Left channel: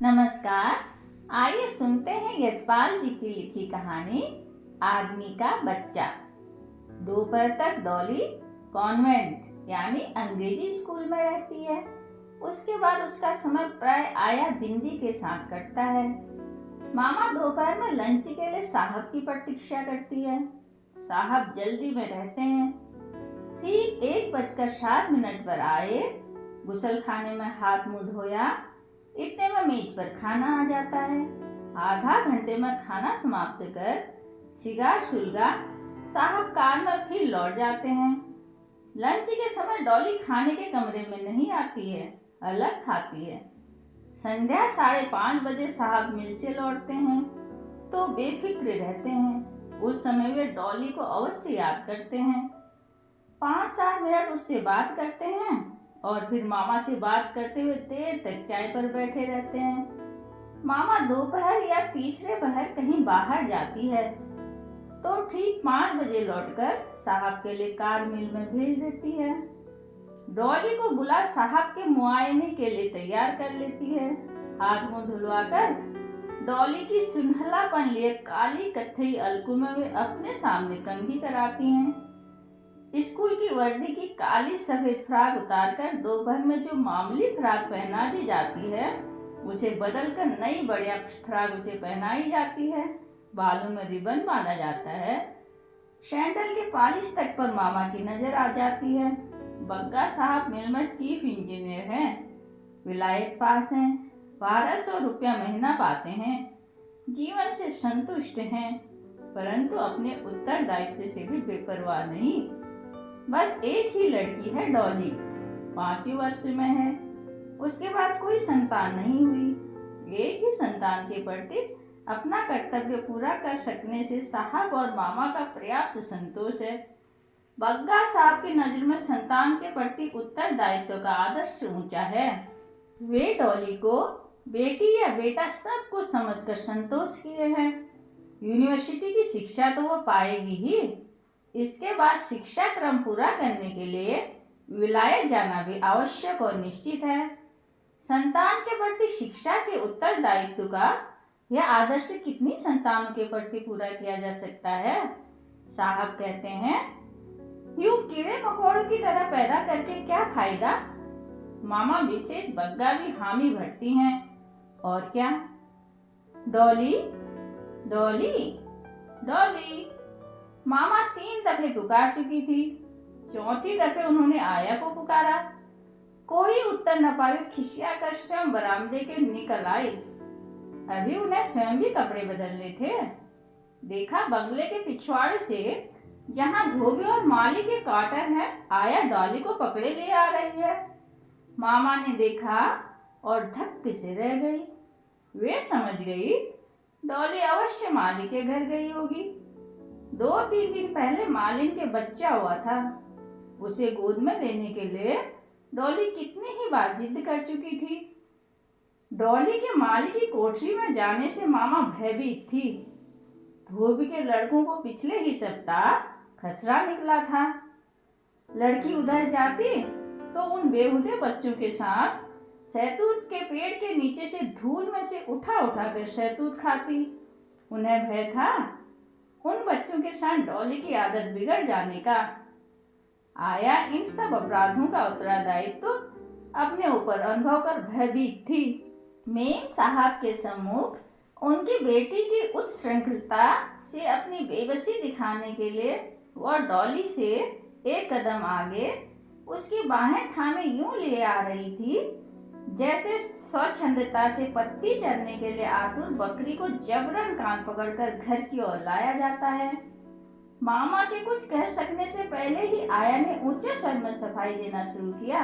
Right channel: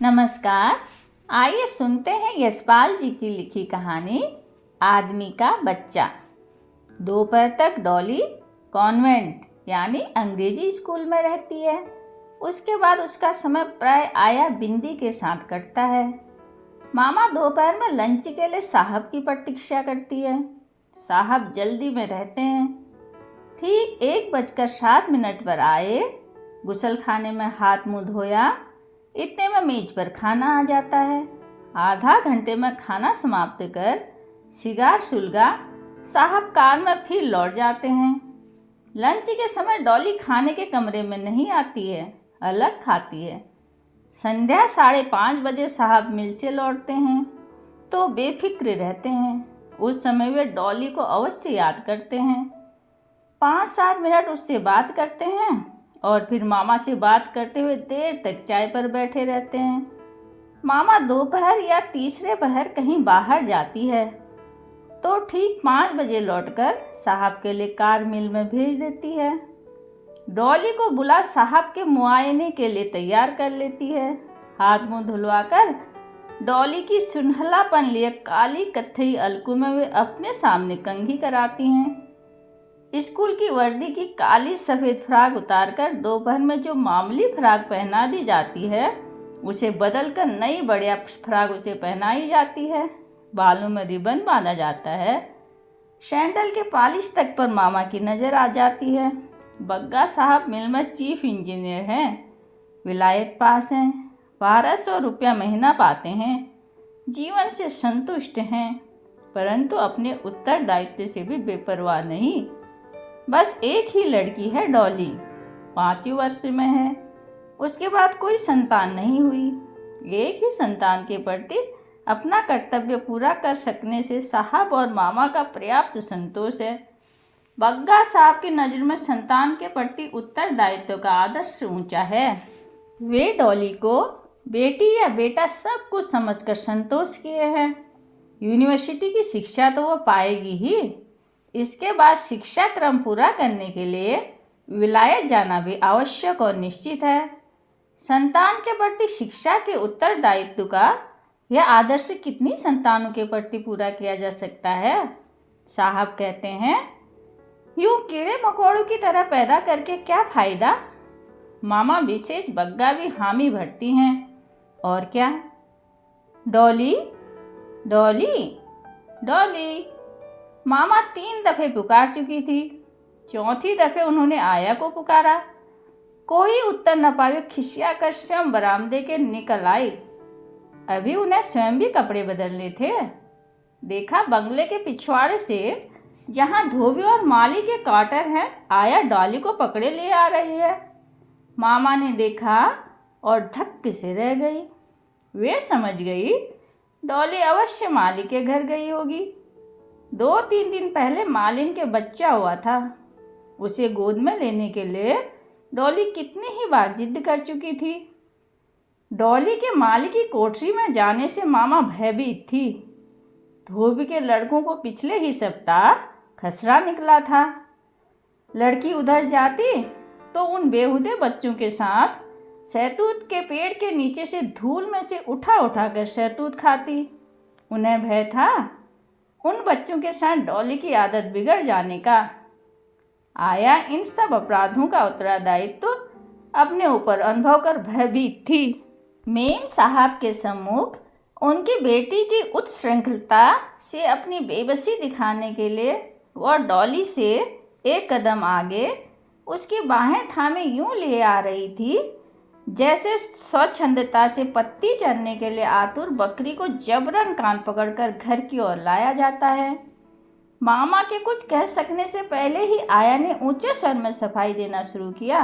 नमस्कार। आइए सुनते हैं यशपाल जी की लिखी कहानी आदमी का बच्चा। दोपहर तक डॉली कॉन्वेंट यानी अंग्रेजी स्कूल में रहती है। उसके बाद उसका समय प्राय आया बिंदी के साथ कटता है। मामा दोपहर में लंच के लिए साहब की प्रतीक्षा करती है। साहब जल्दी में रहते हैं। ठीक 1:07 पर आए। गुसल खाने में हाथ मुंह धोया, इतने में मेज पर खाना आ जाता है। आधा घंटे में खाना समाप्त कर सिगार सुलगा साहब कार में फिर लौट जाते हैं। लंच के समय डॉली खाने के कमरे में नहीं आती है, अलग खाती है। संध्या 5:30 साहब मिल से लौटते हैं तो बेफिक्र रहते हैं। उस समय वे डॉली को अवश्य याद करते हैं। 5-7 मिनट उससे बात करते हैं और फिर मामा से बात करते हुए देर तक चाय पर बैठे रहते हैं। मामा दोपहर या तीसरे पहर कहीं बाहर जाती है तो ठीक 5 बजे लौटकर साहब के लिए कार मिल में भेज देती है। डॉली को बुला साहब के मुआयने के लिए तैयार कर लेती है। हाथ मुंह धुलवाकर डॉली की सुनहलापन लिए काली कत्थई अलकू में वे अपने सामने कंघी कराती हैं। स्कूल की वर्दी की काली सफ़ेद फ्राक उतारकर दोपहर में जो मामूली फ्राक पहना दी जाती है उसे बदलकर नई बढ़िया फ्राक उसे पहनाई जाती है। बालों में रिबन बांधा जाता है। सैंडल के पॉलिश तक पर मामा की नज़र आ जाती है। बग्गा साहब मिल में चीफ इंजीनियर हैं, विलायत पास हैं, 1200 रुपया महीना पाते हैं, जीवन से संतुष्ट हैं, परंतु अपने उत्तरदायित्व से भी बेपरवाह नहीं। बस एक ही लड़की है डॉली, 5वीं वर्ष में है। उसके बाद कोई संतान नहीं हुई। एक ही संतान के प्रति अपना कर्तव्य पूरा कर सकने से साहब और मामा का पर्याप्त संतोष है। बग्गा साहब की नज़र में संतान के प्रति उत्तरदायित्व का आदर्श ऊंचा है। वे डॉली को बेटी या बेटा सब कुछ समझकर संतोष किए हैं। यूनिवर्सिटी की शिक्षा तो वो पाएगी ही, इसके बाद शिक्षा क्रम पूरा करने के लिए विलायत जाना भी आवश्यक और निश्चित है। संतान के प्रति शिक्षा के उत्तरदायित्व का यह आदर्श कितनी संतानों के प्रति पूरा किया जा सकता है? साहब कहते हैं, यूं कीड़े मकोड़ों की तरह पैदा करके क्या फायदा? मामा विशेष बग्गा भी हामी भरती हैं। और क्या? डॉली डॉली डॉली। मामा 3 दफे पुकार चुकी थी। चौथी दफे उन्होंने आया को पुकारा। कोई उत्तर न पाए खिसिया कर स्वयं बरामदे के निकल आई। अभी उन्हें स्वयं भी कपड़े बदलने थे। देखा बंगले के पिछवाड़े से जहां धोबी और माली के क्वार्टर हैं, आया डॉली को पकड़े ले आ रही है। मामा ने देखा और धक्के से रह गई। वे समझ गई डॉली अवश्य माली के घर गई होगी। 2-3 दिन पहले मालिन के बच्चा हुआ था। उसे गोद में लेने के लिए डॉली कितनी ही बार जिद कर चुकी थी। डॉली के माली की कोठरी में जाने से मामा भयभीत थी। धोबी के लड़कों को पिछले ही सप्ताह खसरा निकला था। लड़की उधर जाती तो उन बेहुदे बच्चों के साथ शहतूत के पेड़ के नीचे से धूल में से उठा उठा कर शहतूत खाती। उन्हें भय था उन बच्चों के साथ डॉली की आदत बिगड़ जाने का। आया इन सब अपराधों का उत्तरदायित्व तो अपने ऊपर अनुभव कर भयभीत थी। मेम साहब के सम्मुख उनकी बेटी की उत्श्रृंखलता से अपनी बेबसी दिखाने के लिए वह डॉली से एक कदम आगे उसकी बाहें थामे यूं ले आ रही थी जैसे स्वच्छंदता से पत्ती चरने के लिए आतुर बकरी को जबरन कान पकड़कर घर की ओर लाया जाता है। मामा के कुछ कह सकने से पहले ही आया ने ऊंचे स्वर में सफाई देना शुरू किया।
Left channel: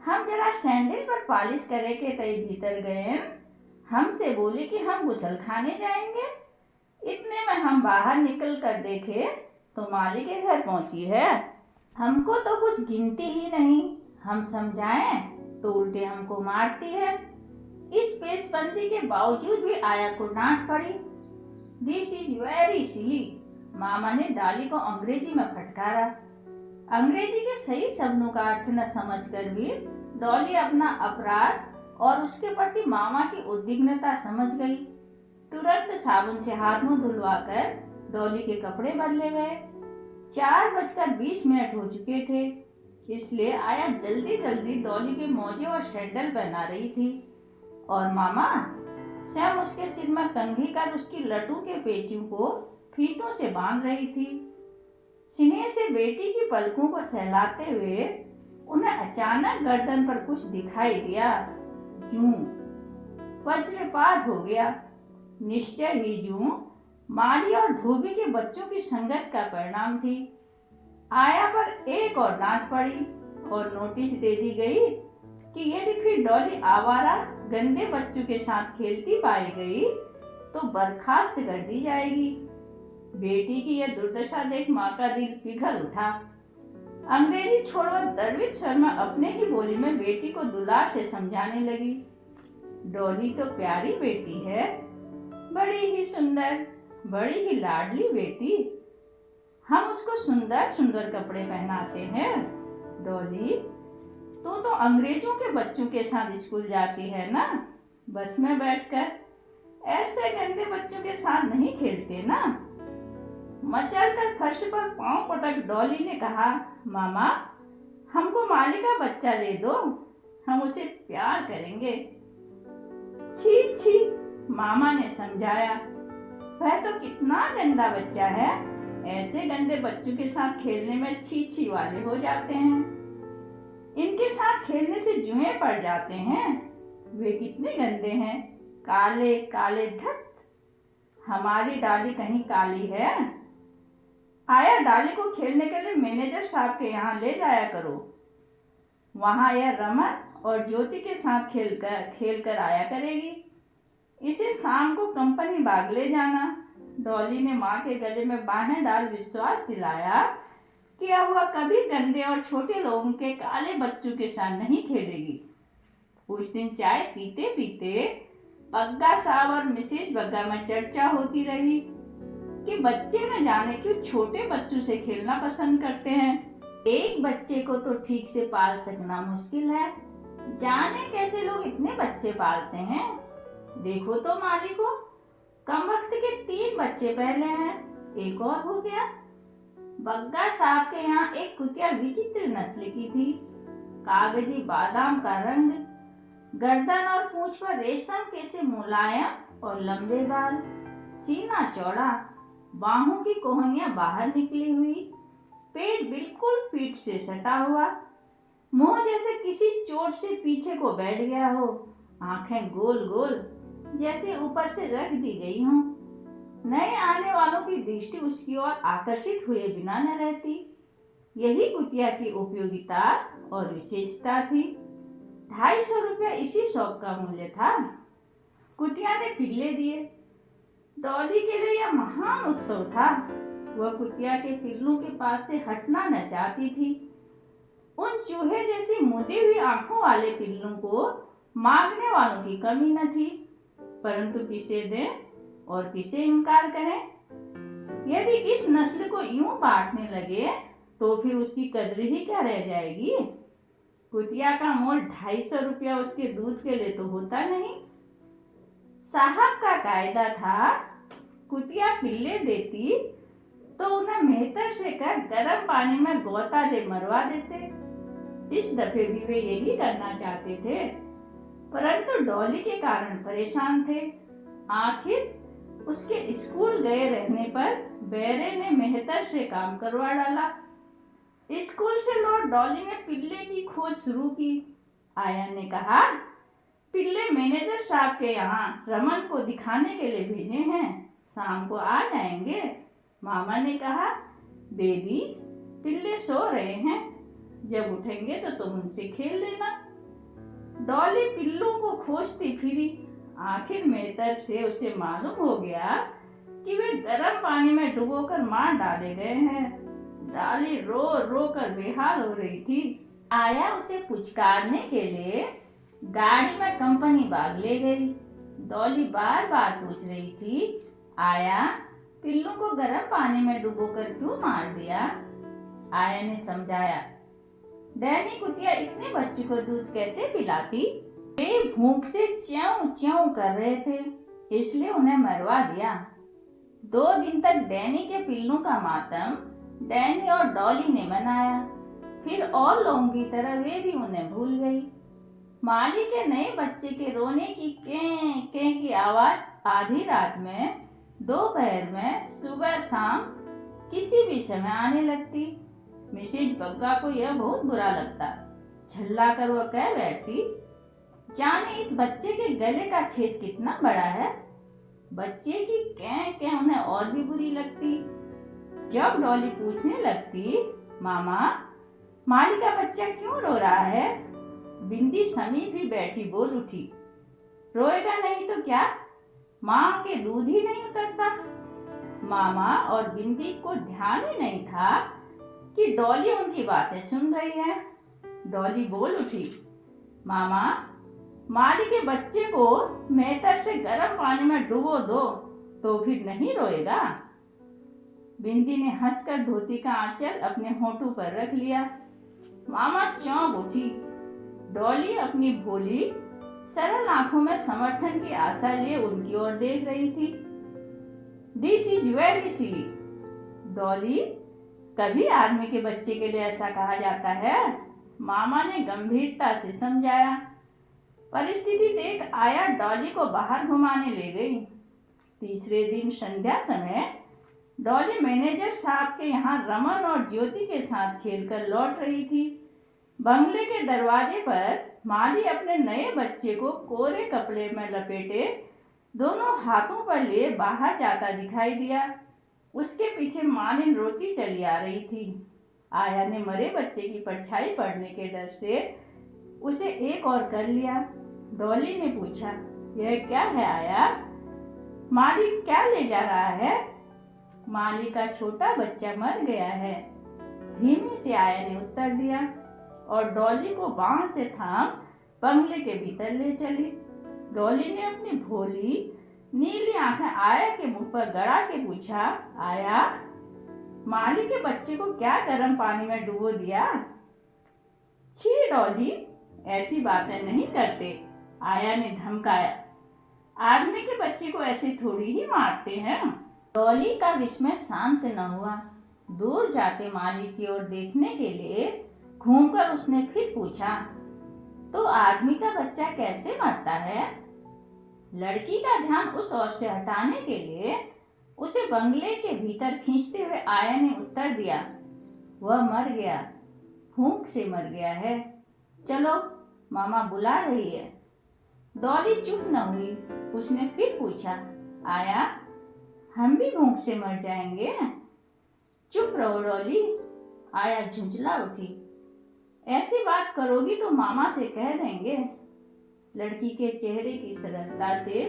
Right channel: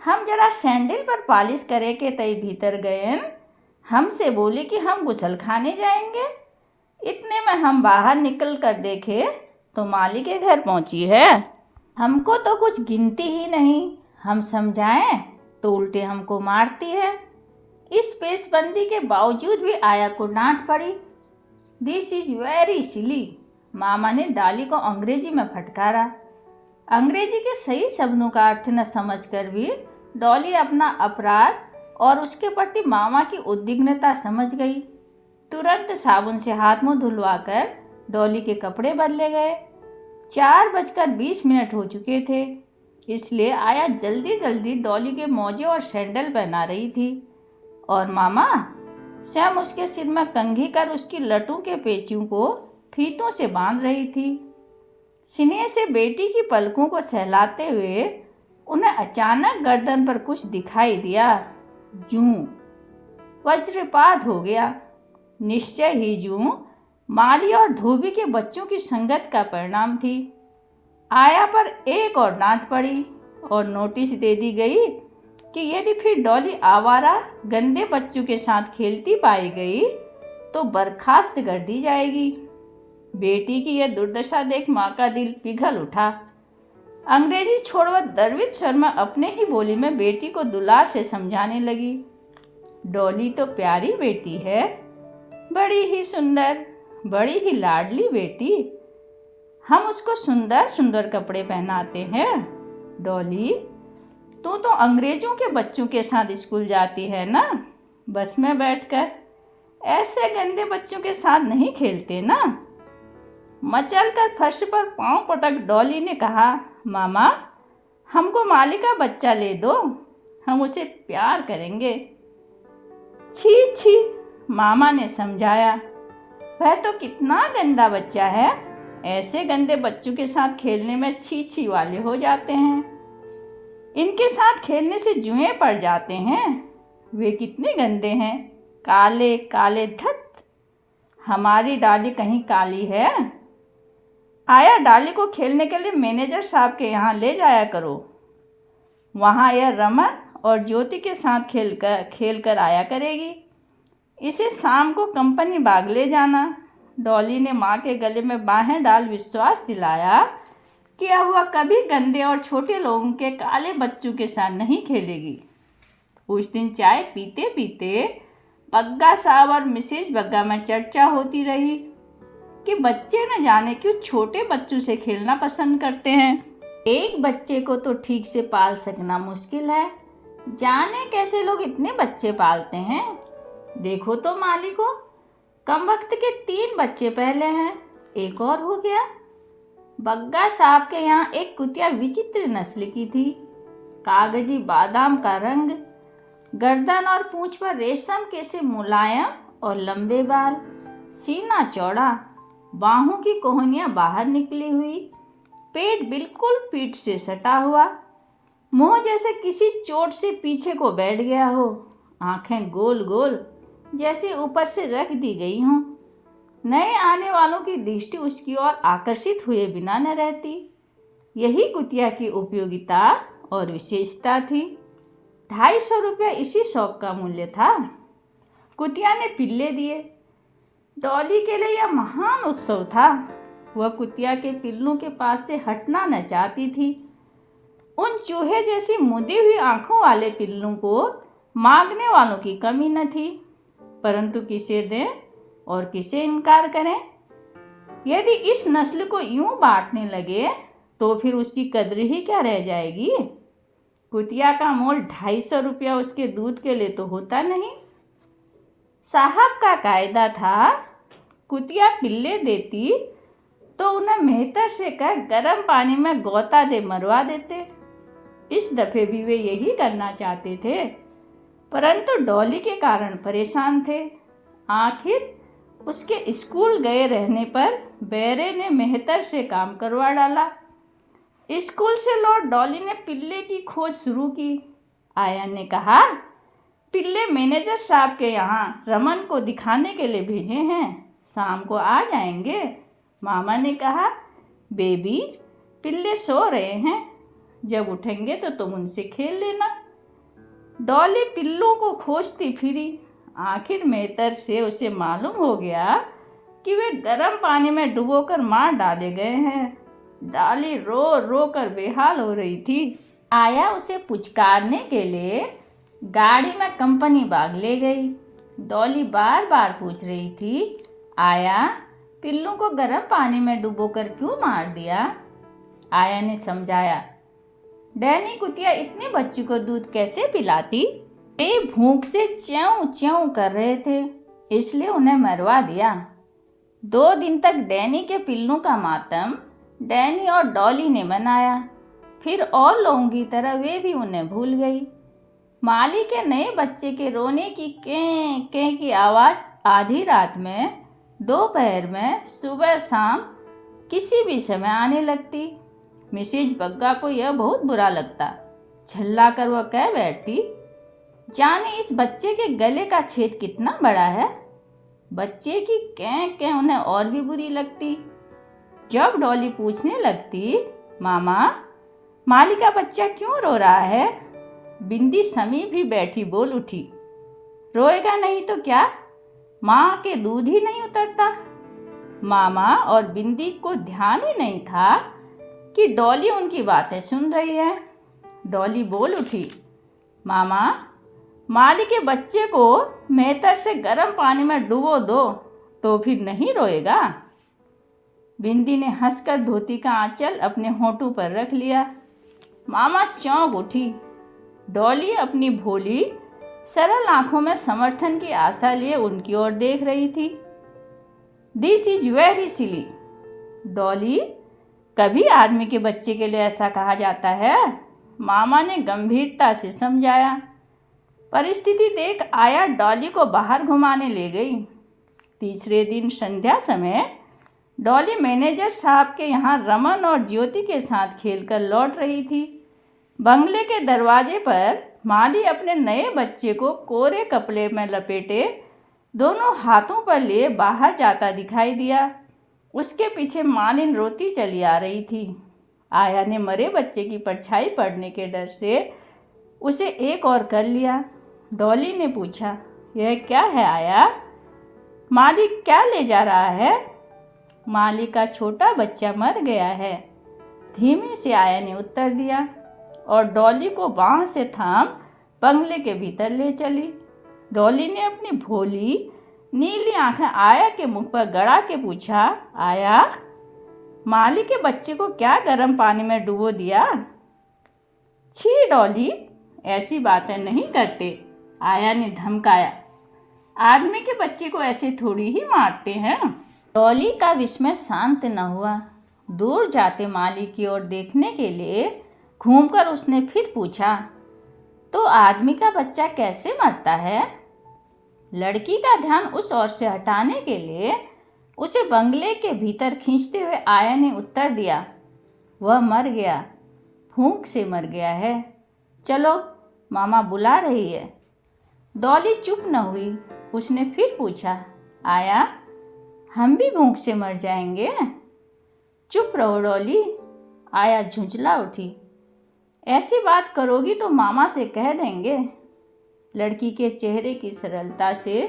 हम जरा सैंडल पर पॉलिश करे के तय भीतर गए। हमसे बोली कि हम गुसल खाने जाएंगे। इतने में हम बाहर निकल कर देखे तो माली के घर पहुंची है। हमको तो कुछ गिनती ही नहीं। हम समझाएं तो उल्टे हमको मारती है। इस पेशबंदी के बावजूद भी आया को डांट पड़ी। This is very silly. मामा ने डॉली को अंग्रेजी में फटकारा। अंग्रेजी के सही शब्दों का अर्थ न समझकर भी डॉली अपना अपराध और उसके प्रति मामा की उद्विग्नता समझ गई। तुरंत साबुन से हाथ मुंह धुलवाकर डॉली के कपड़े बदले गए। 4:20 हो चुके थे, इसलिए आया जल्दी जल्दी डॉली के मोजे और सैंडल पहना रही थी और मामा स्वयं उसके सिर में कंघी कर उसकी लटों के पेचियों को फीतों से बांध रही थी। स्नेह से बेटी की पलकों को सहलाते हुए उन्हें अचानक गर्दन पर कुछ दिखाई दिया। जूं वज्रपात हो गया। निश्चय ही जूं माली और धोबी के बच्चों की संगत का परिणाम थी। आया पर एक और डांट पड़ी और नोटिस दे दी गई कि यदि फिर डॉली आवारा गंदे बच्चों के साथ खेलती पाई गई तो बर्खास्त कर दी जाएगी। बेटी की यह दुर्दशा देख माँ का दिल पिघल उठा। अंग्रेजी छोड़कर द्रवित स्वर में अपने ही बोली में बेटी को दुलार से समझाने लगी। डॉली तो प्यारी बेटी है, बड़ी ही सुंदर, बड़ी ही लाडली बेटी। हम उसको सुंदर सुंदर कपड़े पहनाते हैं। डॉली, तू तो अंग्रेजों के बच्चों के साथ स्कूल जाती है ना, बस में बैठकर। ऐसे गंदे बच्चों के साथ नहीं खेलते ना। मचल कर फर्श पर पांव पटक डॉली ने कहा, मामा हमको माली का बच्चा ले दो, हम उसे प्यार करेंगे। छी छी, मामा ने समझाया, वह तो कितना गंदा बच्चा है। ऐसे गंदे बच्चों के साथ खेलने में छी छी वाले हो जाते हैं। इनके साथ खेलने से जुएं पड़ जाते हैं। वे कितने गंदे हैं, काले काले धत। हमारी डाली कहीं काली है? आया डाली को खेलने के लिए मैनेजर साहब के यहाँ ले जाया करो। वहाँ यह रमन और ज्योति के साथ खेल कर आया करेगी। इसे शाम को कंपनी बाग ले जाना। डॉली ने माँ के गले में बाहें डाल विश्वास दिलाया कि अब वह कभी गंदे और छोटे लोगों के काले बच्चों के साथ नहीं खेलेगी। उस दिन चाय पीते पीते बग्गा साहब और मिसेज बग्गा में चर्चा होती रही कि बच्चे न जाने क्यों छोटे बच्चों से खेलना पसंद करते हैं। एक बच्चे को तो ठीक से पाल सकना मुश्किल है, जाने कैसे लोग इतने बच्चे पालते हैं। देखो तो माली को, कम वक्त के 3 बच्चे पहले हैं, एक और हो गया। बग्गा साहब के यहाँ एक कुतिया विचित्र नस्ल की थी। कागजी बादाम का रंग, गर्दन और पूंछ पर रेशम के से मुलायम और लंबे बाल, सीना चौड़ा, बाहों की कोहनियां बाहर निकली हुई, पेट बिल्कुल पीठ से सटा हुआ, मुंह जैसे किसी चोट से पीछे को बैठ गया हो, आंखें गोल गोल जैसे ऊपर से रख दी गई हों। नए आने वालों की दृष्टि उसकी ओर आकर्षित हुए बिना न रहती। यही कुतिया की उपयोगिता और विशेषता थी। 250 रुपया इसी शौक का मूल्य था। कुतिया ने पिल्ले दिए। डॉली के लिए यह महान उत्सव था। वह कुतिया के पिल्लों के पास से हटना न चाहती थी। उन चूहे जैसी मुदी हुई आंखों वाले पिल्लों को मांगने वालों की कमी न थी, परंतु किसे दें और किसे इनकार करें। यदि इस नस्ल को यूं बांटने लगे तो फिर उसकी कद्र ही क्या रह जाएगी। कुतिया का मोल 250 रुपया उसके दूध के लिए तो होता नहीं। साहब का कायदा था, कुतिया पिल्ले देती तो उन्हें मेहतर से कर गर्म पानी में गोता दे मरवा देते। इस दफे भी वे यही करना चाहते थे, परंतु डॉली के कारण परेशान थे। आखिर उसके स्कूल गए रहने पर बेरे ने मेहतर से काम करवा डाला। स्कूल से लौट डॉली ने पिल्ले की खोज शुरू की। आया ने कहा, पिल्ले मैनेजर साहब के यहाँ रमन को दिखाने के लिए भेजे हैं, शाम को आ जाएंगे। मामा ने कहा, बेबी पिल्ले सो रहे हैं, जब उठेंगे तो तुम उनसे खेल लेना। डॉली पिल्लों को खोजती फिरी। आखिर मेहतर से उसे मालूम हो गया कि वे गर्म पानी में डुबोकर मार डाले गए हैं। डॉली रो रो कर बेहाल हो रही थी। आया उसे पुचकारने के लिए गाड़ी में कंपनी बाग ले गई। डॉली बार बार पूछ रही थी, आया पिल्लों को गर्म पानी में डुबोकर क्यों मार दिया। आया ने समझाया, डैनी कुतिया इतने बच्चों को दूध कैसे पिलाती। वे भूख से च्यों च्यों कर रहे थे, इसलिए उन्हें मरवा दिया। 2 दिन तक डैनी के पिल्लों का मातम डैनी और डॉली ने मनाया। फिर और लोगों की तरह वे भी उन्हें भूल गई। माली के नए बच्चे के रोने की कें कें की आवाज़ आधी रात में, दोपहर में, सुबह शाम किसी भी समय आने लगती। मिसेज बग्गा को यह बहुत बुरा लगता। झल्ला कर वह कह बैठती, जाने इस बच्चे के गले का छेद कितना बड़ा है। बच्चे की कें कें उन्हें और भी बुरी लगती। जब डॉली पूछने लगती, मामा माली का बच्चा क्यों रो रहा है, बिंदी समीप ही बैठी बोल उठी, रोएगा नहीं तो क्या, माँ के दूध ही नहीं उतरता। मामा और बिंदी को ध्यान ही नहीं था कि डॉली उनकी बातें सुन रही है। डॉली बोल उठी, मामा माली के बच्चे को मेहतर से गर्म पानी में डुबो दो तो फिर नहीं रोएगा। बिंदी ने हंसकर धोती का आंचल अपने होंठों पर रख लिया। मामा चौंक उठी। डॉली अपनी भोली सरल आंखों में समर्थन की आशा लिए उनकी ओर देख रही थी। दिस इज वेरी सिली। डॉली, कभी आदमी के बच्चे के लिए ऐसा कहा जाता है? मामा ने गंभीरता से समझाया। परिस्थिति देख आया डॉली को बाहर घुमाने ले गई। तीसरे दिन संध्या समय डॉली मैनेजर साहब के यहाँ रमन और ज्योति के साथ खेलकर लौट रही थी। बंगले के दरवाजे पर माली अपने नए बच्चे को कोरे कपड़े में लपेटे दोनों हाथों पर लिए बाहर जाता दिखाई दिया। उसके पीछे मालिन रोती चली आ रही थी। आया ने मरे बच्चे की परछाई पड़ने के डर से उसे एक और कर लिया। डॉली ने पूछा, यह क्या है आया? माली क्या ले जा रहा है? माली का छोटा बच्चा मर गया है, धीमे से आया ने उत्तर दिया और डॉली को बांह से थाम बंगले के भीतर ले चली। डॉली ने अपनी भोली नीली आंखें आया के मुंह पर गड़ा के पूछा, आया माली के बच्चे को क्या गर्म पानी में डुबो दिया? छी डॉली, ऐसी बातें नहीं करते, आया ने धमकाया। आदमी के बच्चे को ऐसे थोड़ी ही मारते हैं। डॉली का विस्मय शांत न हुआ। दूर जाते माली की ओर देखने के लिए घूमकर उसने फिर पूछा, तो आदमी का बच्चा कैसे मरता है? लड़की का ध्यान उस ओर से हटाने के लिए उसे बंगले के भीतर खींचते हुए आया ने उत्तर दिया, वह मर गया, भूख से मर गया है। चलो मामा बुला रही है। डॉली चुप न हुई। उसने फिर पूछा, आया हम भी भूख से मर जाएंगे? चुप रहो डॉली। आया झुंझला उठी। ऐसी बात करोगी तो मामा से कह देंगे। लड़की के चेहरे की सरलता से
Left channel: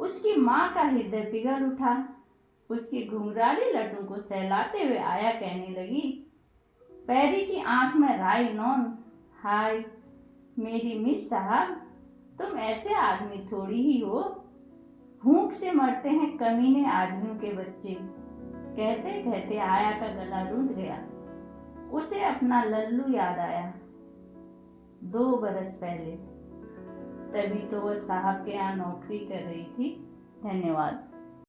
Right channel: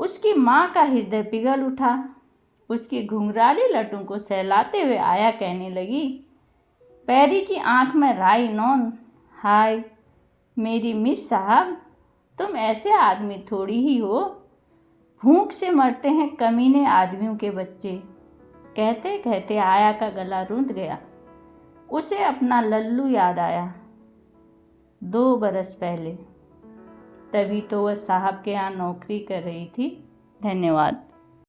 उसकी माँ का हृदय पिघल उठा। उसकी घुंघराली लटों को सहलाते हुए आया कहने लगी, पैरी की आंख में राई नौन, हाय मेरी मिस साहब, तुम ऐसे आदमी थोड़ी ही हो, भूख से मरते हैं कमीने आदमियों के बच्चे। कहते कहते आया का गला रुंध गया। उसे अपना लल्लू याद आया, 2 बरस पहले। तभी तो वह साहब के यहाँ नौकरी कर रही थी। धन्यवाद।